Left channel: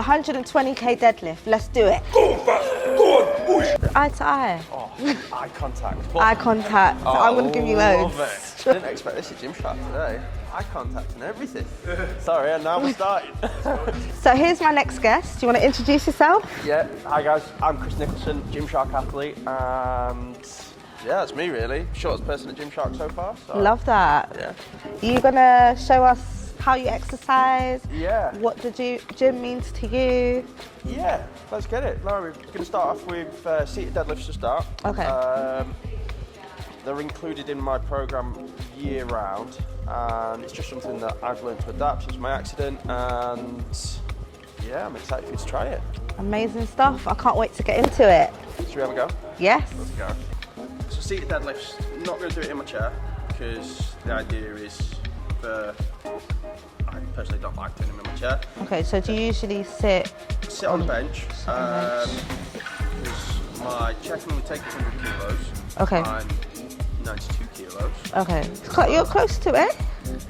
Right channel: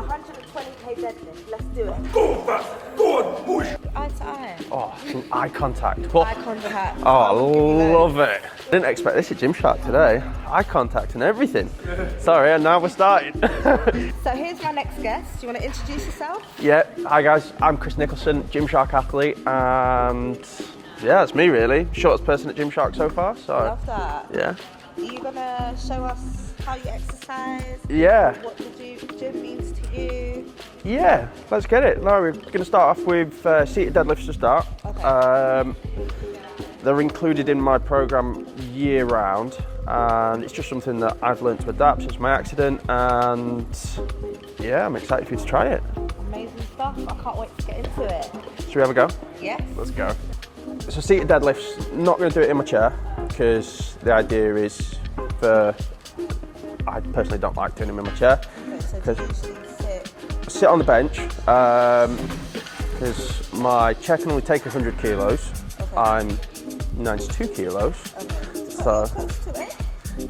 120k deadlift. Let's do it. Eye to eye. Oh, eye contact. Eye contact. Oh, I wouldn't give you loads. love it. Didn't expect this at Gymshark today. Eye contact and everything. Sorry, and now we're starting. So here's my next guest. Do you want to introduce yourself? Yeah, hi guys, I'm Chris Nicholson, Gymshark athlete, and yeah, it's me really. Shortest person at Gymshark so far. So Love that. yeah. Are you gonna show us how you exercise? Yeah. What the gym means to you? Yeah, let's get it. No, we're going to start off with seated deadlifts to start. Okay. They're included in my program year round, and it's just something that I've learned to adapt since my accident, and yeah, I'm excited for you to try it. Amazing stuff. I can't wait to get into it. Should we have a go? Yes. Let's go. So seated deadlifts, not going to do it in my chair, because the idea is I personally don't like doing them in my chair. Okay, so do you usually sit on the bench, because my chair can only take 100 kilos. Okay. I'm 92 kilos. Okay. You're close to it.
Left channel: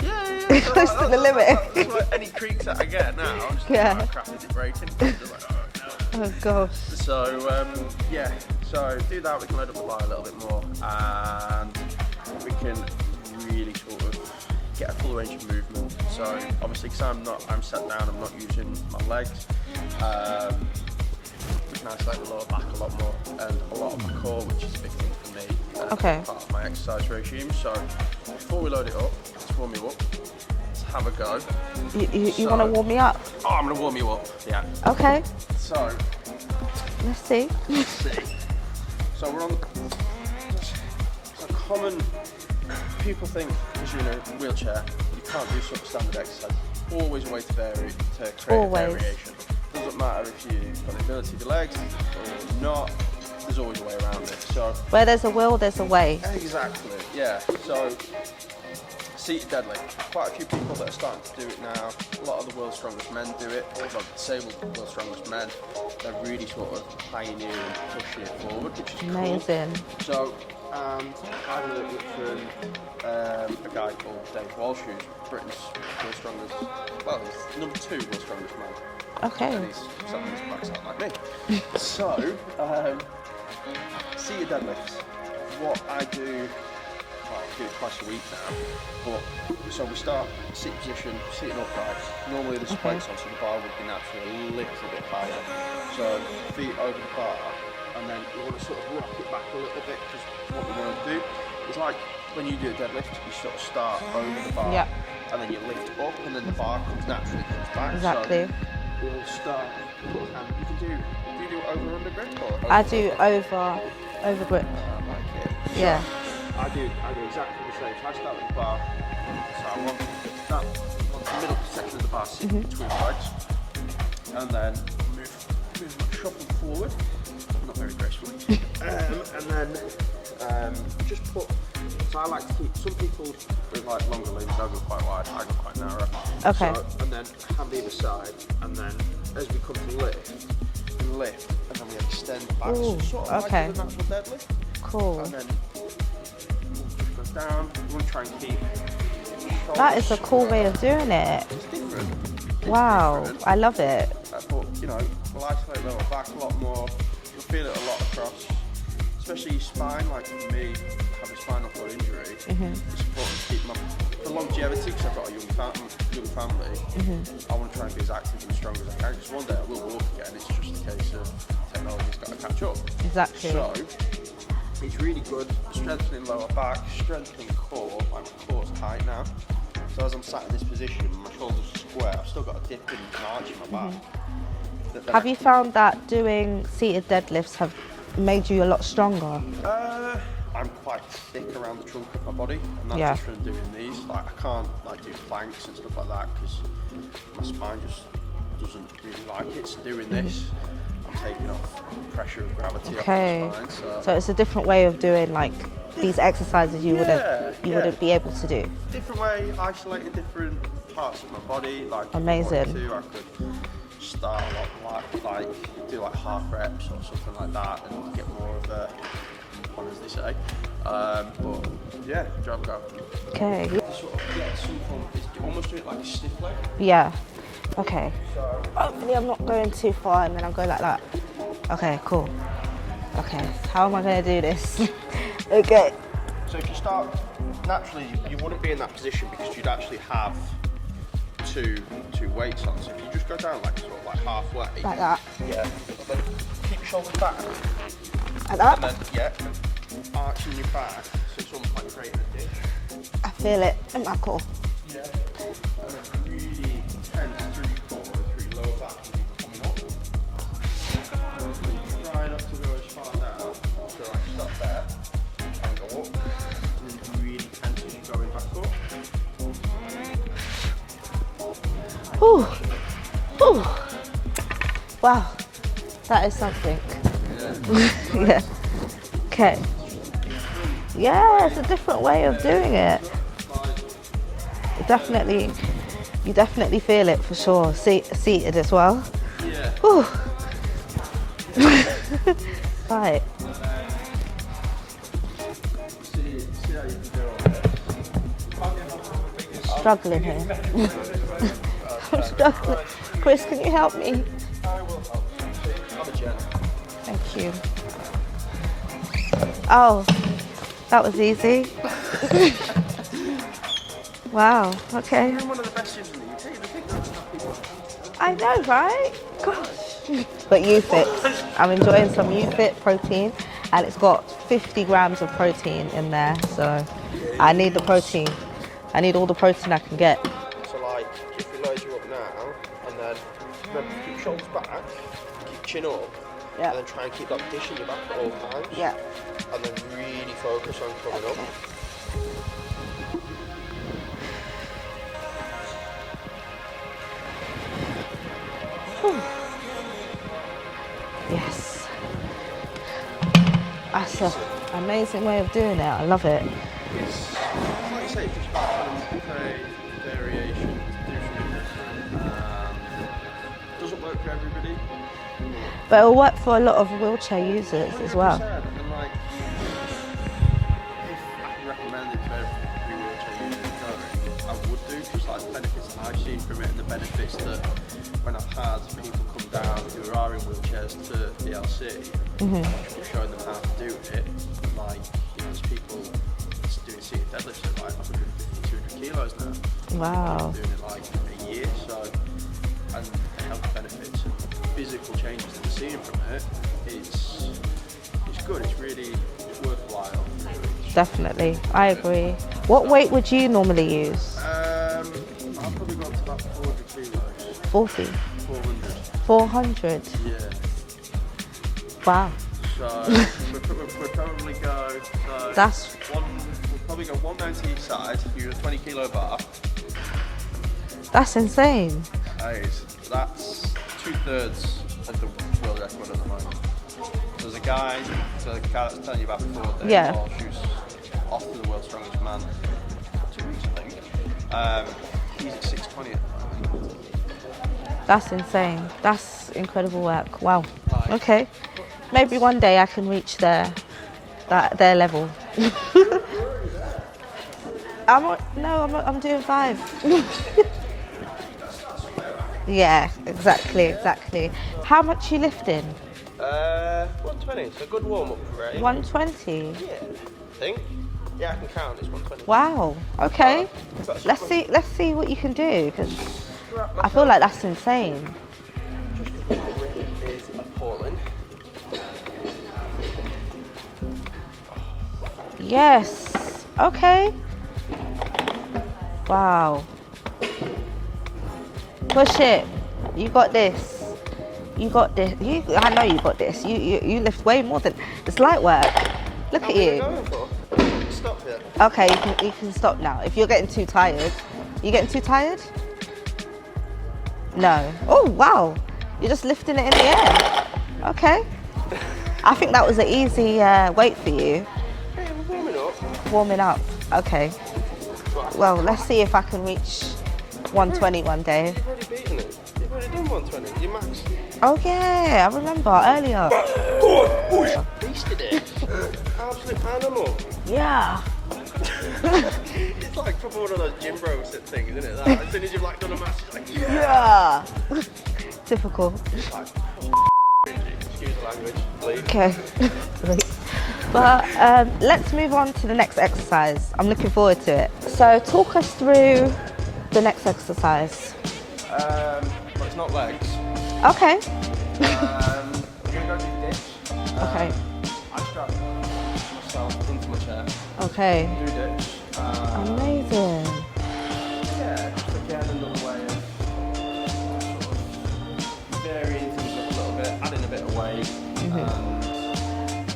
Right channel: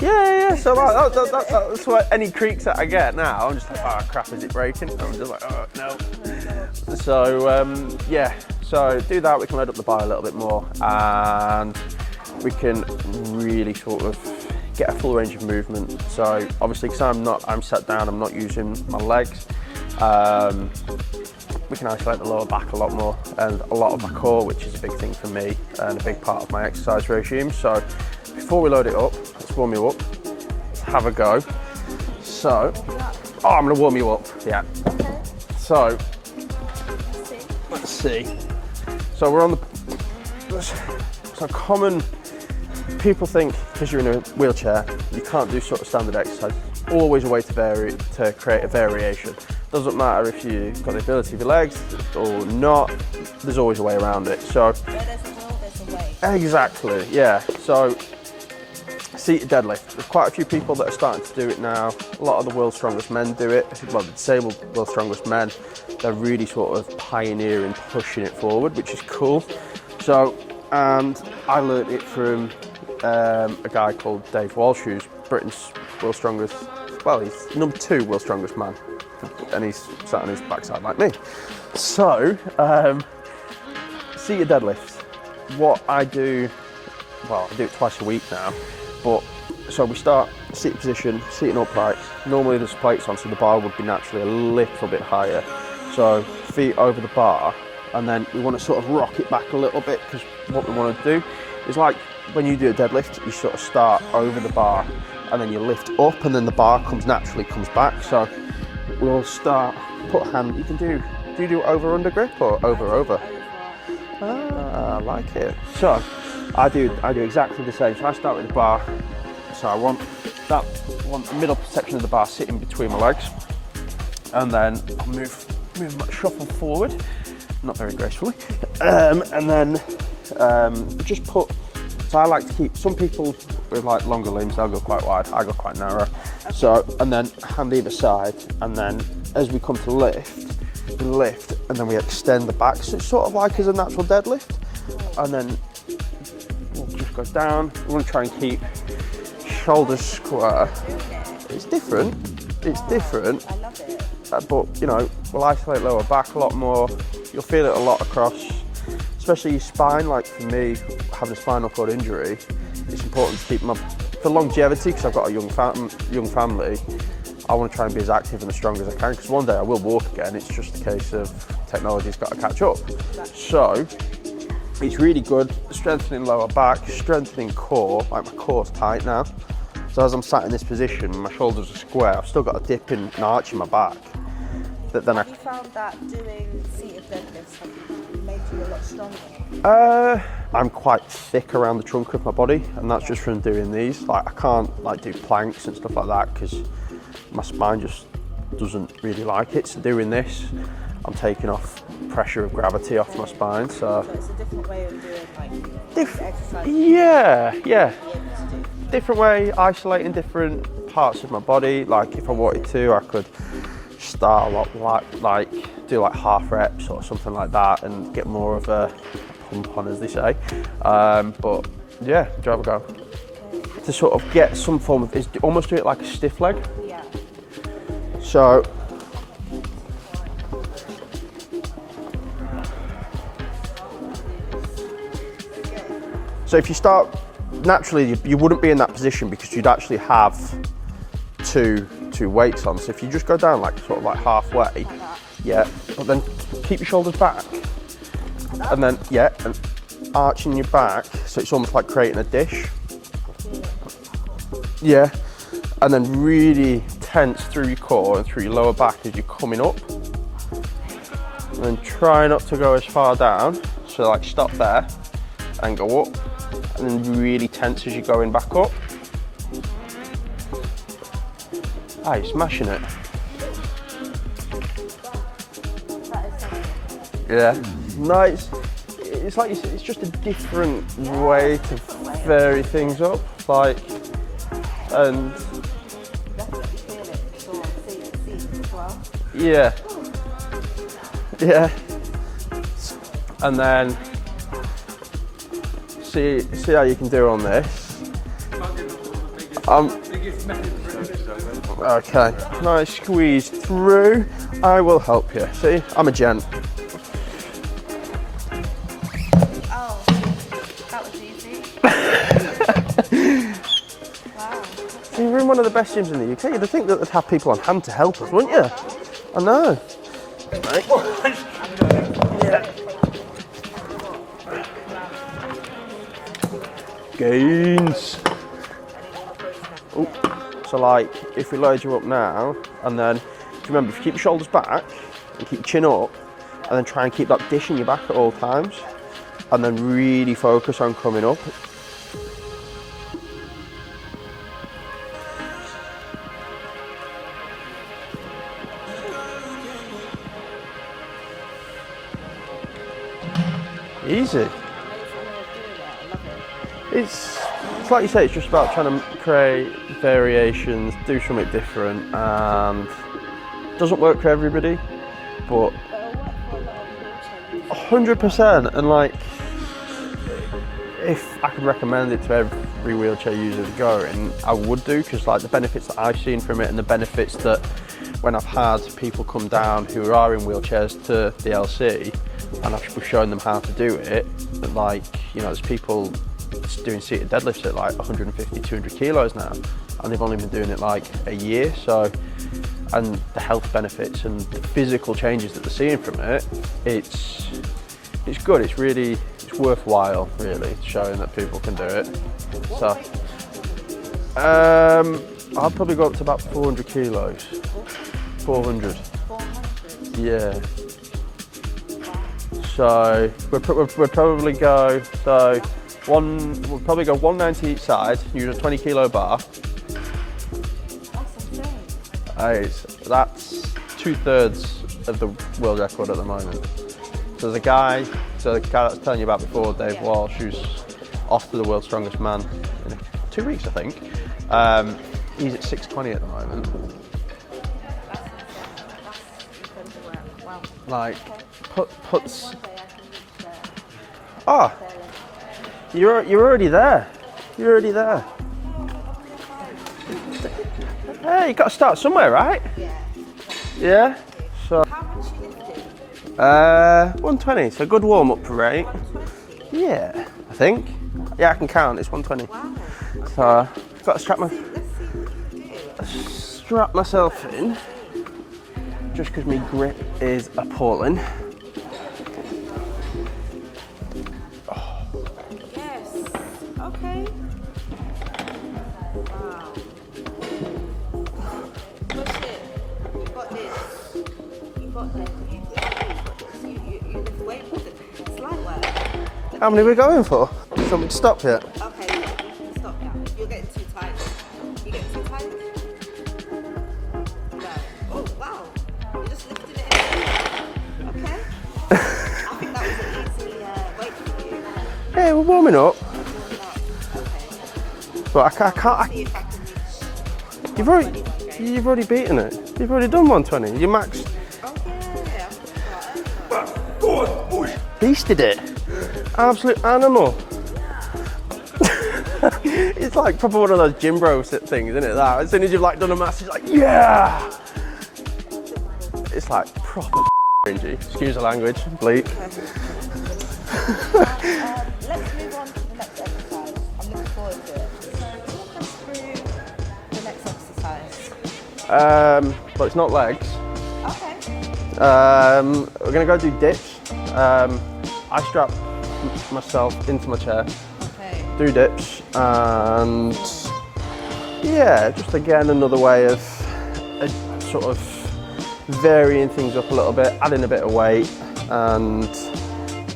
Yeah. So Close to the limit. that's what any creaks that I get now. I'm just like, oh crap, is it breaking? I'm just like, oh no. Oh gosh. So yeah, so do that. We can load up the bar a little bit more, and we can really sort of get a full range of movement. So obviously, because I'm sat down, I'm not using my legs. We can isolate the lower back a lot more, and a lot of my core, which is a big thing for me, and a big part of my exercise regime. So before we load it up, let's warm you up. Let's have a go. You want to warm me up? Oh, I'm going to warm you up. Yeah. Okay. So Let's see. let's see. So we're on the. So common. People think because you're in a wheelchair, you can't do sort of standard exercise. Always a way to vary, to create a variation. Doesn't matter if you've got the ability of your legs or not, there's always a way around it. So Where there's a will, there's a way. exactly, yeah. So seated deadlift. There's quite a few people that are starting to do it now. A lot of the world's strongest men do it. Well, the disabled world's strongest men, they're really sort of pioneering, pushing it forward, which is cool. Amazing. So, and I learned it from a guy called Dave Walsh, who's Britain's world's strongest, well, he's number 2 world's strongest man. Okay. And he's sat on his backside like me. So, seated deadlifts. What I do, well, I do it twice a week now, but so we start seated position, sitting upright. Normally there's plates on, so the bar would be naturally a little bit higher. So feet over the bar, and then we want to sort of rock it back a little bit, because what we want to do is like when you do a deadlift, you sort of start over the bar, and then you lift up, and then the bar comes back. Exactly. So we'll start, put a hand, do you do over under grip or over I do over? over grip. I like it. Yeah. So I do exactly the same. So I start with the bar. So I want that middle section of the bar sitting between my legs, and then I'll move shuffle forward, not very gracefully, and then just put. So I like to keep. Some people with like longer limbs, they'll go quite wide. I go quite narrow. Okay. So and then hand either side, and then as we come to lift, and then we extend the back. So it's sort of like as a natural deadlift. Cool. And then we'll just go down. We want to try and keep shoulders That is a cool way of doing it. It's different. It's different. I love it. But you know, we'll isolate lower back a lot more. You'll feel it a lot across, especially your spine. Like for me, having a spinal cord injury, it's important to keep for longevity, because I've got a young family. I want to try and be as active and as strong as I can, because one day I will walk again. It's just a case of technology's got to catch up. Exactly. So it's really good, strengthening lower back, strengthening core. Like my core's tight now. So as I'm sat in this position, my shoulders are square. I've still got a dip in an arch in my back. But then have you found that doing seated deadlifts have made you a lot stronger? I'm quite thick around the trunk of my body, and that's just from doing these. Like I can't like do planks and stuff like that, because my spine just doesn't really like it. So doing this, I'm taking off pressure of gravity off my spine. So it's a different way of doing like these exercises you wouldn't be able to do. Different way, isolating different parts of my body. Like if I wanted to, I could start a lot like do like half reps or something like that, and get more of a pump on, as they say. But yeah, do you have a go? Okay. To sort of get some form of, almost do it like a stiff leg. Yeah. Okay. So, Hopefully I'm not going too far and then I'm going like that. Okay, cool. Okay, how am I going to do this? Okay. so if you start, naturally you wouldn't be in that position because you'd actually have two weights on. So if you just go down like sort of like halfway. Like that. Yeah, but then keep your shoulders back. Like that? And then, yeah, and arching your back, so it's almost like creating a dish. I feel it in my core. Yeah, and then really tense through your core and through your lower back as you're coming up. And then try not to go as far down, so like stop there and go up, and then really tense as you're going back up. Ah, you're smashing it. Ooh. Wow, that is something. Yeah, nice. It's, Okay. like, it's just a different Yeah, way. it's a different way of vary doing things it. up. Like, Definitely, you definitely feel it for sure. Seated as well. yeah, Ooh. yeah. Right. And then see how you can do on this. Struggling here. Okay, nice squeeze Can you help through. me? I will help you. See, I'm a gent. Thank you. Oh, that was easy. Wow, okay. We're in one of the best gyms in the UK. You'd think that would have people on hand to help us, I wouldn't know, you? right? I know. But YouFit, I'm enjoying some YouFit protein, and it's got 50 grams of protein in there, so I need the Gains. protein. I need all the protein I can get. So like, if we load you up now, and then, if you remember, if you keep your shoulders back, and keep your chin up, Yeah. and then try and keep that dish in your back at all times, Yeah. and then really focus on coming up. Yes. That's Easy. an amazing way of doing it. I love it. It's like you say, it's just about trying to create variations, do something different, and it doesn't work for everybody, but But it'll work for a lot of wheelchair users. as 100%. well. And like, if I could recommend it to every wheelchair user going, I would do, because like the benefits that I've seen from it, and the benefits that when I've had people come down who are in wheelchairs to the LC, and I've shown them how to do it, and like, you know, there's people doing seated deadlifts at like 150, 200 kilos now, and they've only been doing it like a year. So, and the health benefits and the physical changes that they're seeing from it, it's good. It's really worthwhile, really, showing that Definitely, people can do I it. agree. What So- weight would you normally use? I'll probably go up to about 400 kilos. 40, 400. 400. Yeah. Wow. So we'll probably go. So That's- we'll probably go 190 each side. Use a 20 kilo bar. That's insane. That's 2/3 of the world record at the moment. So there's a guy, so the guy that's telling you about before, Dave Yeah. Walsh, who's off to the world's strongest man in 2 weeks, I think. He's at 620 at the moment. That's insane. That's incredible work. Wow. Like, Okay. Puts- Maybe one day I can reach their Ah. their level. You're already there. You're already there. I'm doing 5. Hey, you got to start somewhere, right? Yeah, exactly, Yeah. exactly. So- How much you lifting? 120. It's a good warm up for rate. 120. Yeah, I think. Yeah, I can count. It's 120. Wow. Okay. I've got to strap Let's see what you can do. 'Cause strap I myself feel like that's in, insane. just because my grip is appalling. Yes. Okay. Wow. Push it. You got this. You got this. I know you got this. You lift way more than it's light work. Look How at many you. are we going for? So we stop yet? Okay, you can stop now. If you're getting too tired. You getting too tired? No. Oh, wow. You're just lifting it in the air. Okay. I think that was an easy weight for you. Hey, we're warming up. Warming up. Okay. But I Well, can't. let's see if I can reach 120 one day. You've already beaten it. You've already done 120. You max. Oh yeah, I remember earlier. Beasted it. Absolute animal. Yeah. It's like proper one of those gym bro things, isn't it? That as soon as you've like done a mass, it's like yeah. Typical. It's like proper cringy. Excuse the language, bleep. Okay. Let's move on to the next exercise. I'm looking forward to it. So talk us through the next exercise. Well, it's not legs. Okay. We're gonna go do dips. I strap myself into my chair. Okay. Do dips, and yeah, just again another way of sort of varying things up a little bit, adding a bit of weight, and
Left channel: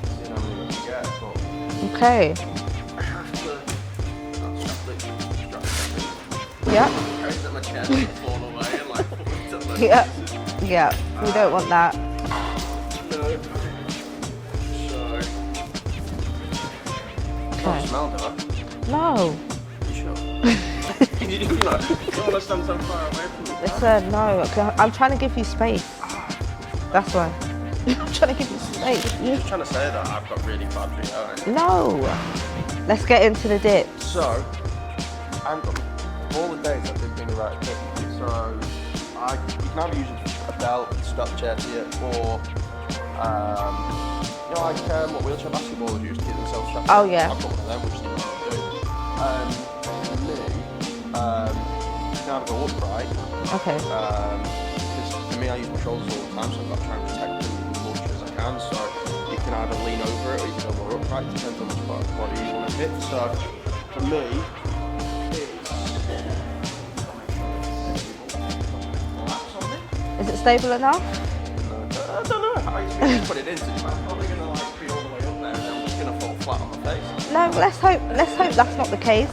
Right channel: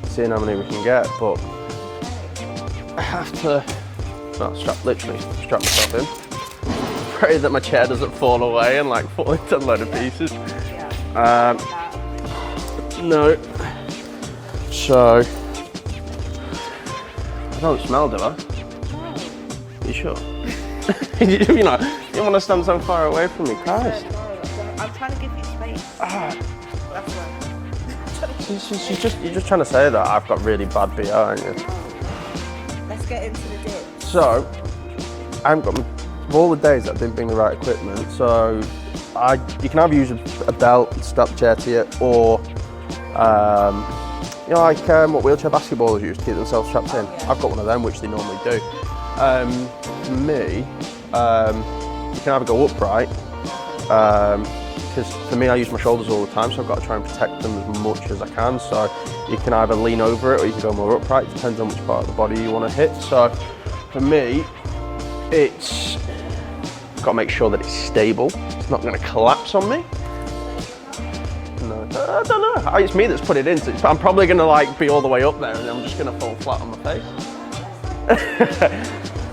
seeing how many we can get. But okay. I have to literally strap myself in. Yeah. Pray that my chair doesn't fall away and like fall into a load of pieces. Yeah. You don't want that. No. So. I don't smell, do I? No. Are you sure? You know, you don't want to stand so far away from me. Listen, no. I'm trying to give you space. That's why. I'm trying to give you space. You're just trying to say that I've got really bad BO, aren't you? No. Let's get into the dip. So, I haven't got all the days that I didn't bring the right equipment. So, you can either use a belt, strap the chair to you, or you know, like what wheelchair basketballers use to keep themselves strapped in. Yeah. I've got one of them, which they normally do. For me, you can either go upright. Okay. Because for me, I use my shoulders all the time, so I've got to try and protect them as much as I can. So you can either lean over it or you can go more upright. It depends on which part of the body you want to hit. So for me, it's got to make sure that it's stable. It's not going to collapse on me. Is it stable enough? No, I don't know. It's me that's put it in. So I'm probably going to like be all the way up there, and then I'm just going to fall flat on my face. No, let's hope that's not the case.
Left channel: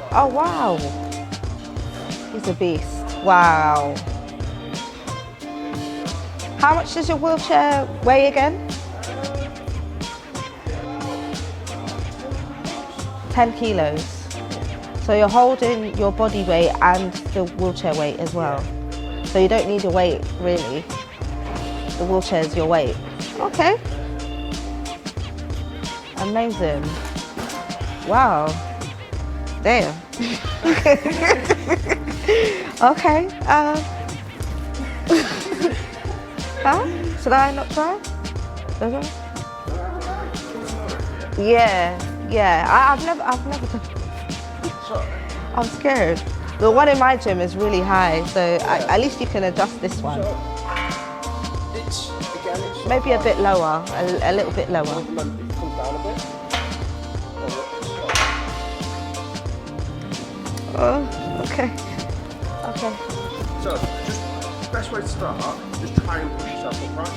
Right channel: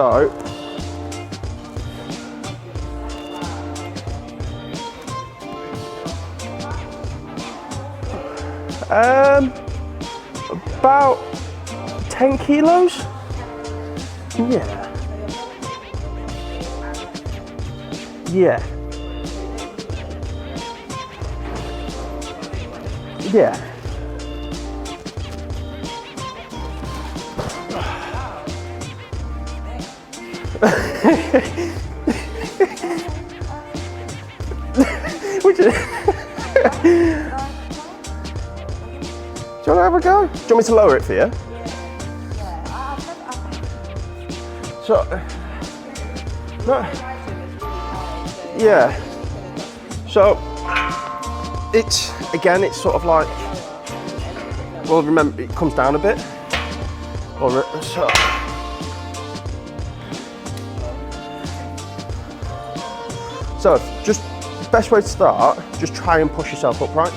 Oh wow, he's a beast. Wow. How much does your wheelchair weigh again? About 10 kilos. 10 kilos. Yeah. So you're holding your body weight and the wheelchair weight as well. Yeah. So you don't need a weight really. The wheelchair is your weight. Yeah. Okay. Amazing. Wow. Damn. Okay. Should I not try? Okay. Do you want to have a go? Do you want me to lower it for you? Yeah. I've never. So, I'm scared. The one in my gym is really high, so at least you can adjust this one. So, it's sort maybe of like... a bit lower, a little bit lower. Well, remember, it comes down a bit. Okay. So, just best way to start, just try and push yourself upright.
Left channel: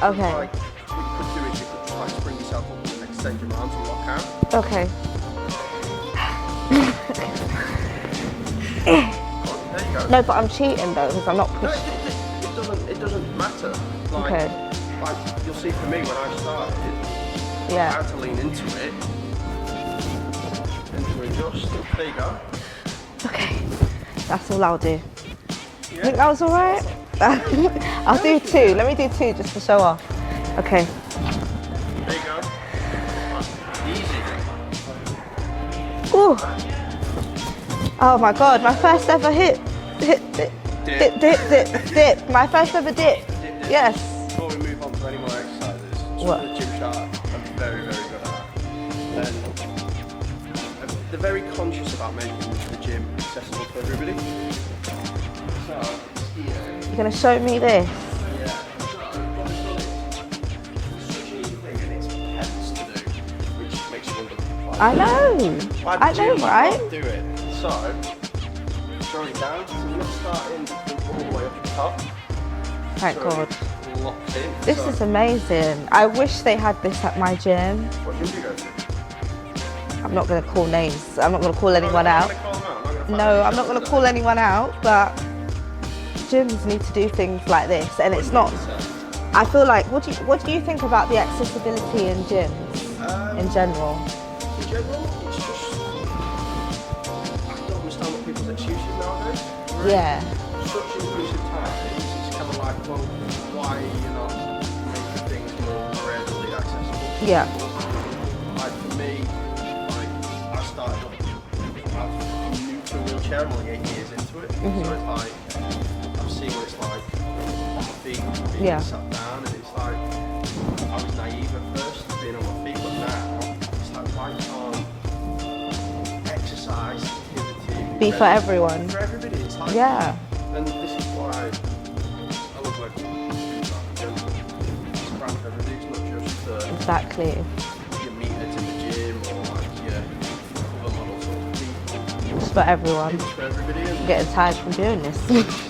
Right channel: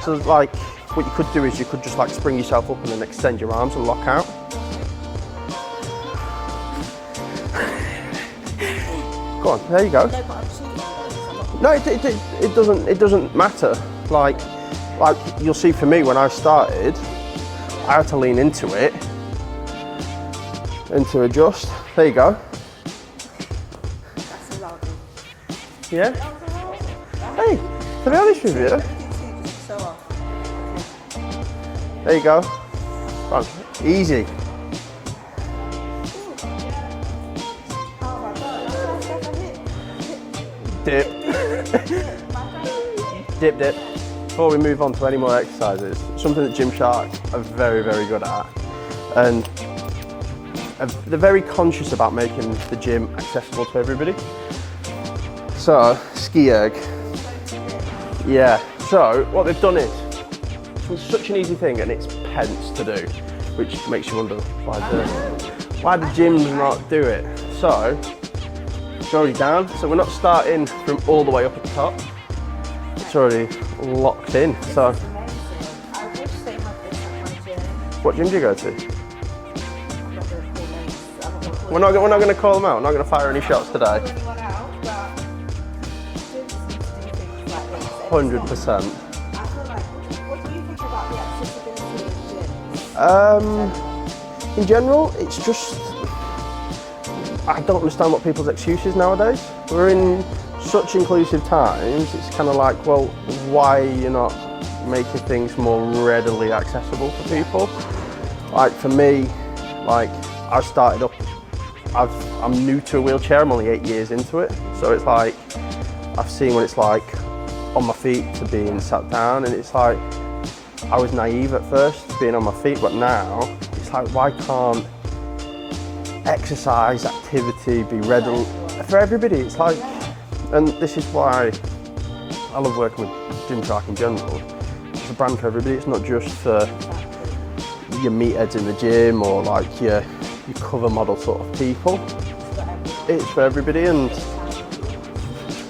So like, what you could do is you could just like spring yourself up and then extend your arms and lock out. Okay. Go on, there you go. No, but I'm cheating though, because I'm not... No, it doesn't matter. Like you'll see for me when I started, I had to lean into it and to adjust. There you go. Okay, that's all I'll do. Yeah? Think that was all right? Hey, I'll do two. Let me do two just to show off. Okay. There you go. Fun. Easy. Ooh. Oh my God, my first ever dip. My first ever dip. Dip. Yes. Before we move on to any more exercises, something that Gymshark are very, very good at. And they're very conscious about making the gym accessible to everybody. So, ski erg. You're going to show me this? Yeah. So, what they've done is, it's such an easy thing and it's pence to do, which makes you wonder why the gym not do it. So, it's already down, so we're not starting from all the way up at the top. It's already locked in. This is amazing. I wish they had this at my gym. What gym do you go to? I'm not going to call names. I'm not going to call anyone out. We're not going to call them out. I'm not going to fire any shots today. I'm not going to call anyone out, but gyms need to do things like this, and 100%. It's not. I feel like, what do you think about the accessibility in gyms in general? In general, it's just, I don't understand what people's excuses nowadays. We're in such inclusive times. It's kind of like, well, why are you not making things more readily accessible to people? Like for me, like I started up I'm new to a wheelchair. I'm only 8 years into it, so it's like I've seen what it's like on my feet to being sat down, and it's like I was naive at first being on my feet, but now it's like, why can't exercise, activity be ready for everyone? For everybody. It's like, and this is why I love working with gym track in general. It's a brand for everybody. It's not just for your meatheads in the gym or like your cover model sort of people. It's for everyone. It's for everybody. And I'm getting tired from doing this.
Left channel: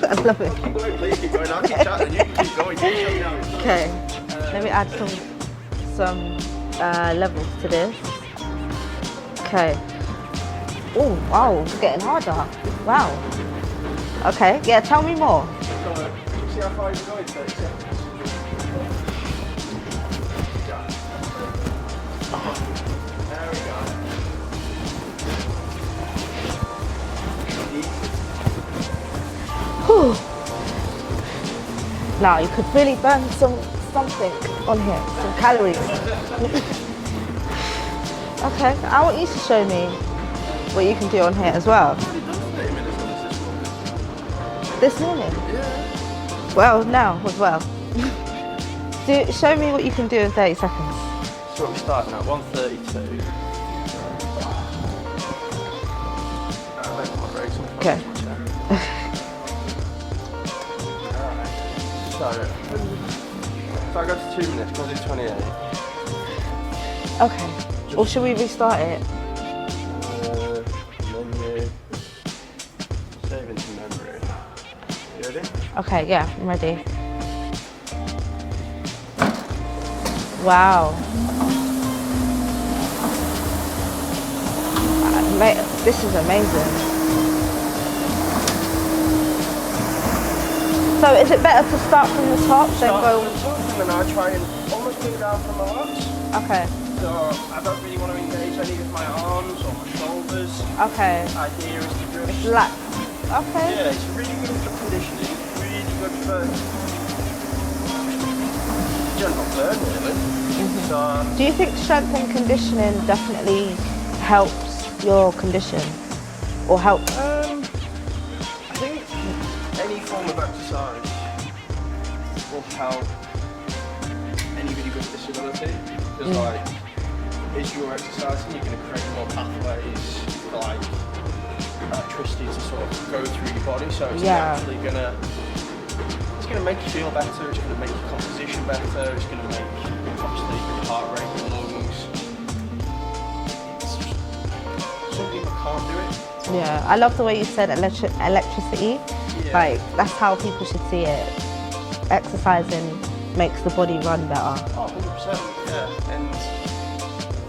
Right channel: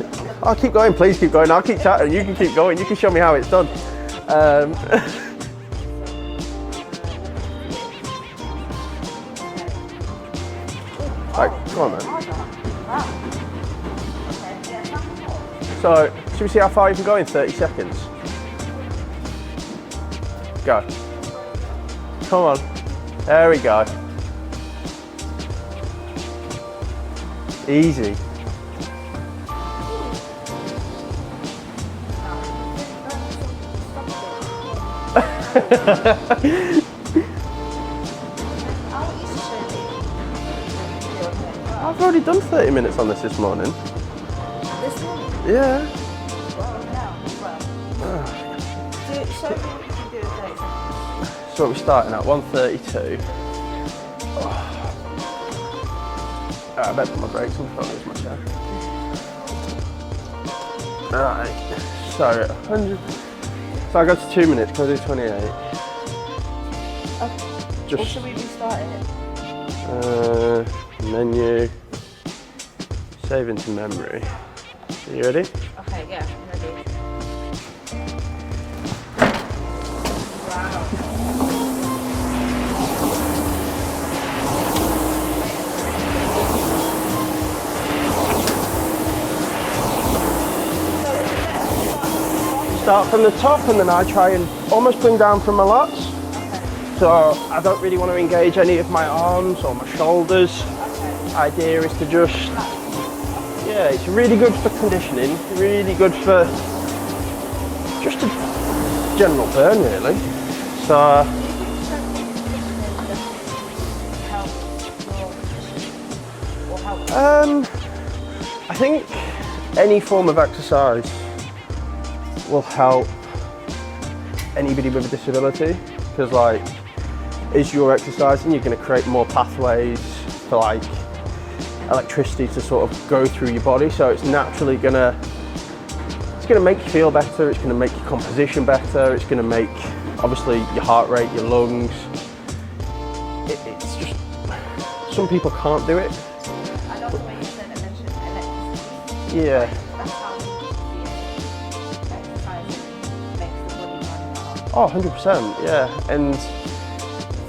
I love it. I'll keep going, please keep going. I'll keep chatting. You can keep going. You can show me how it's done. Okay. Let me add some levels to this. Okay. Oh, wow, it's getting harder. Wow. Okay, yeah, tell me more. So, should we see how far you can go in 30 seconds? Go. Come on. There we go. Easy. Whew. Now, you could really burn something on here, some calories. Okay, I want you to show me what you can do on here as well. I've already done 30 minutes on this morning. This morning? Yeah. Well, now as well. Show me what you can do in 30 seconds. So we're starting at 132. I better put my brakes on. Okay. Alright. So I go to 2 minutes, can I do 28? Okay. Or should we restart it? Menu. Save into memory. Are you ready? Okay, yeah, I'm ready. Wow. Mate, this is amazing. So is it better to start from the top? Start from the top and then I try and almost bring down from my lats. Okay. So I don't really want to engage any of my arms or my shoulders. Okay. The idea is to just... Relax. Okay. Yeah, it's really good for conditioning, really good for just a general burn really. So... Do you think strength and conditioning definitely helps your condition? Or help? I think any form of exercise will help anybody with a disability, because like, as you're exercising, you're going to create more pathways for like electricity to sort of go through your body, so it's naturally going to make you feel better, it's going to make your composition better, it's going to make obviously your heart rate, your lungs. It's just, some people can't do it. Yeah, I love the way you said electricity. Yeah. Like, that's how people should see it. Exercising makes the body run better. Oh, 100%, yeah. And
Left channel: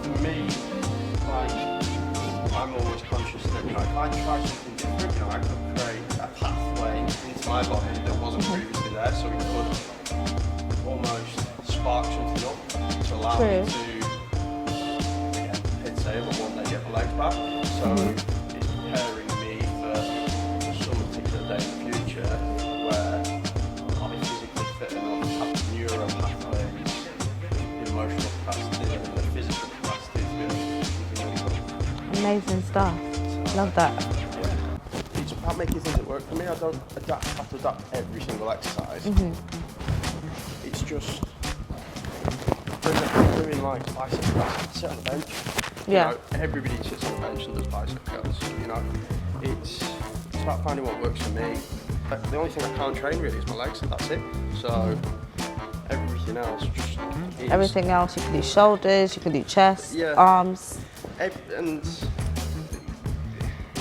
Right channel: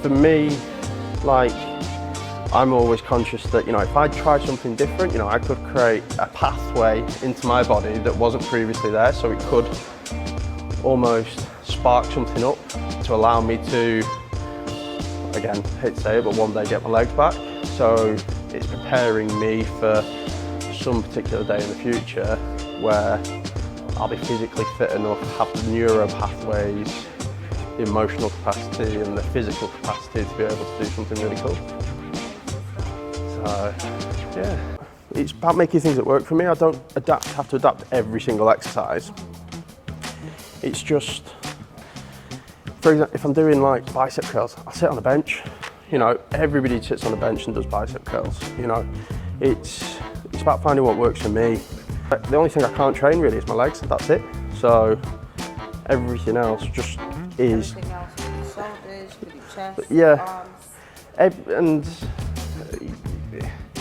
for me, like, I'm always conscious that, you know, if I try something different, you know, I could create a pathway into my body that wasn't previously there, so it could almost spark something up to allow me to, again, hate to say it, but one day get my legs back. So it's preparing me for some particular day in the future where I'll be physically fit enough, have the neuro pathways, the emotional capacity and the physical capacity to be able to do something really cool. Amazing stuff. Love that. Yeah. It's about making things that work for me. I don't have to adapt every single exercise. It's just, for example, if I'm doing like bicep curls, I'll sit on a bench. You know, everybody sits on a bench and does bicep curls. You know, it's about finding what works for me. The only thing I can't train really is my legs, that's it. So everything else just is... Everything else, you can do shoulders, you can do chest, arms. And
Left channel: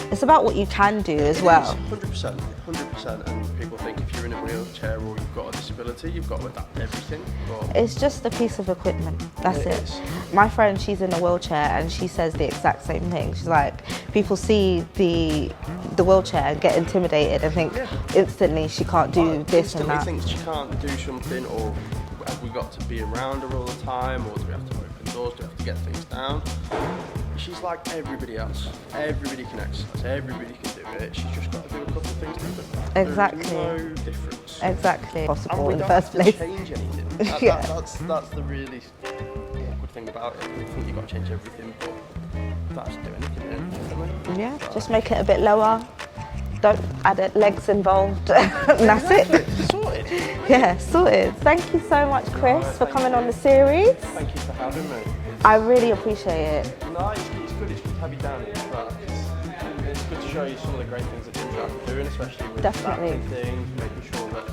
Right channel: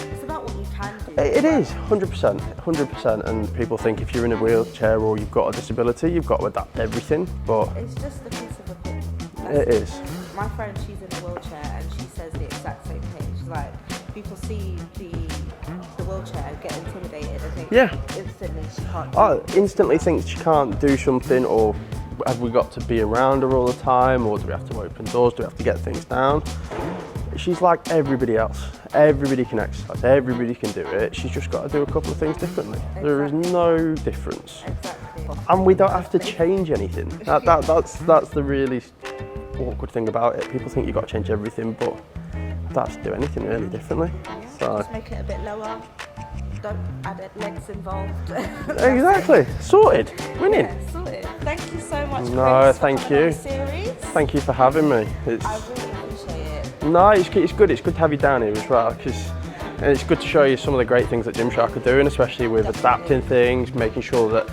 it's about what you can do as well. It is, 100%. And people think if you're in a wheelchair or you've got a disability, you've got to adapt everything, but... It's just a piece of equipment, that's it. It is. My friend, she's in a wheelchair and she says the exact same thing. She's like, people see the wheelchair and get intimidated and think instantly she can't do this instantly think she can't do something, or have we got to be around her all the time, or do we have to open doors, do we have to get things down? She's like everybody else. Everybody can exercise, everybody can do it. She's just got to do a couple of things differently. Exactly. There is no difference. Exactly. And we don't have to change anything. That's the really awkward thing about it. People think you've got to change everything, but start to do anything really differently. Yeah, So- just make it a bit lower. Don't add legs involved. That's Exactly. it. Sorted. Yeah, sorted. Thank you so much, Chris, No, for thank coming on you. the series. Thank you for having me. I really appreciate it. No, it's good. It's good to have you down here as well, because it's good to show you some of the great things that Gymshark are doing, especially with Definitely. adapting things, making sure that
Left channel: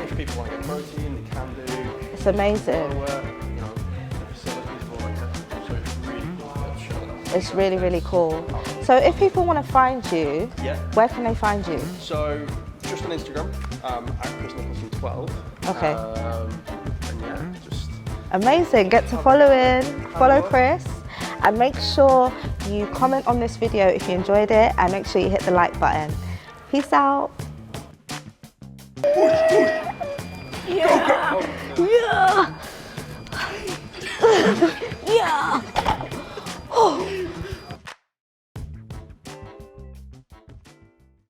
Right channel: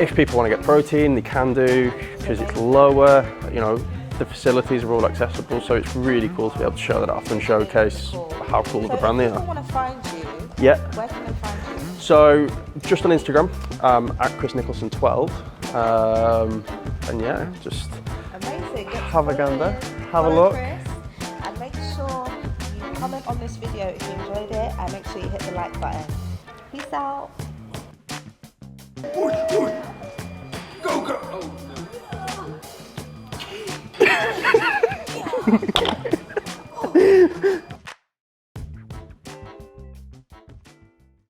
if people want to get protein, they can do. It's amazing. lower, you know, the facilities are all accessible, so it's really cool to be able to show that off and It's really, showcase really cool. how cool So the if brand is. people want to find you, Yeah. where can they find you? So just on Instagram, at Chris Nicholson 12. Okay. And yeah, just Amazing. Get to Have a follow gander. in, Have a follow look. Chris, and make sure you comment on this video if you enjoyed it, and make sure you hit the like button. Peace out. Yeah. Yeah.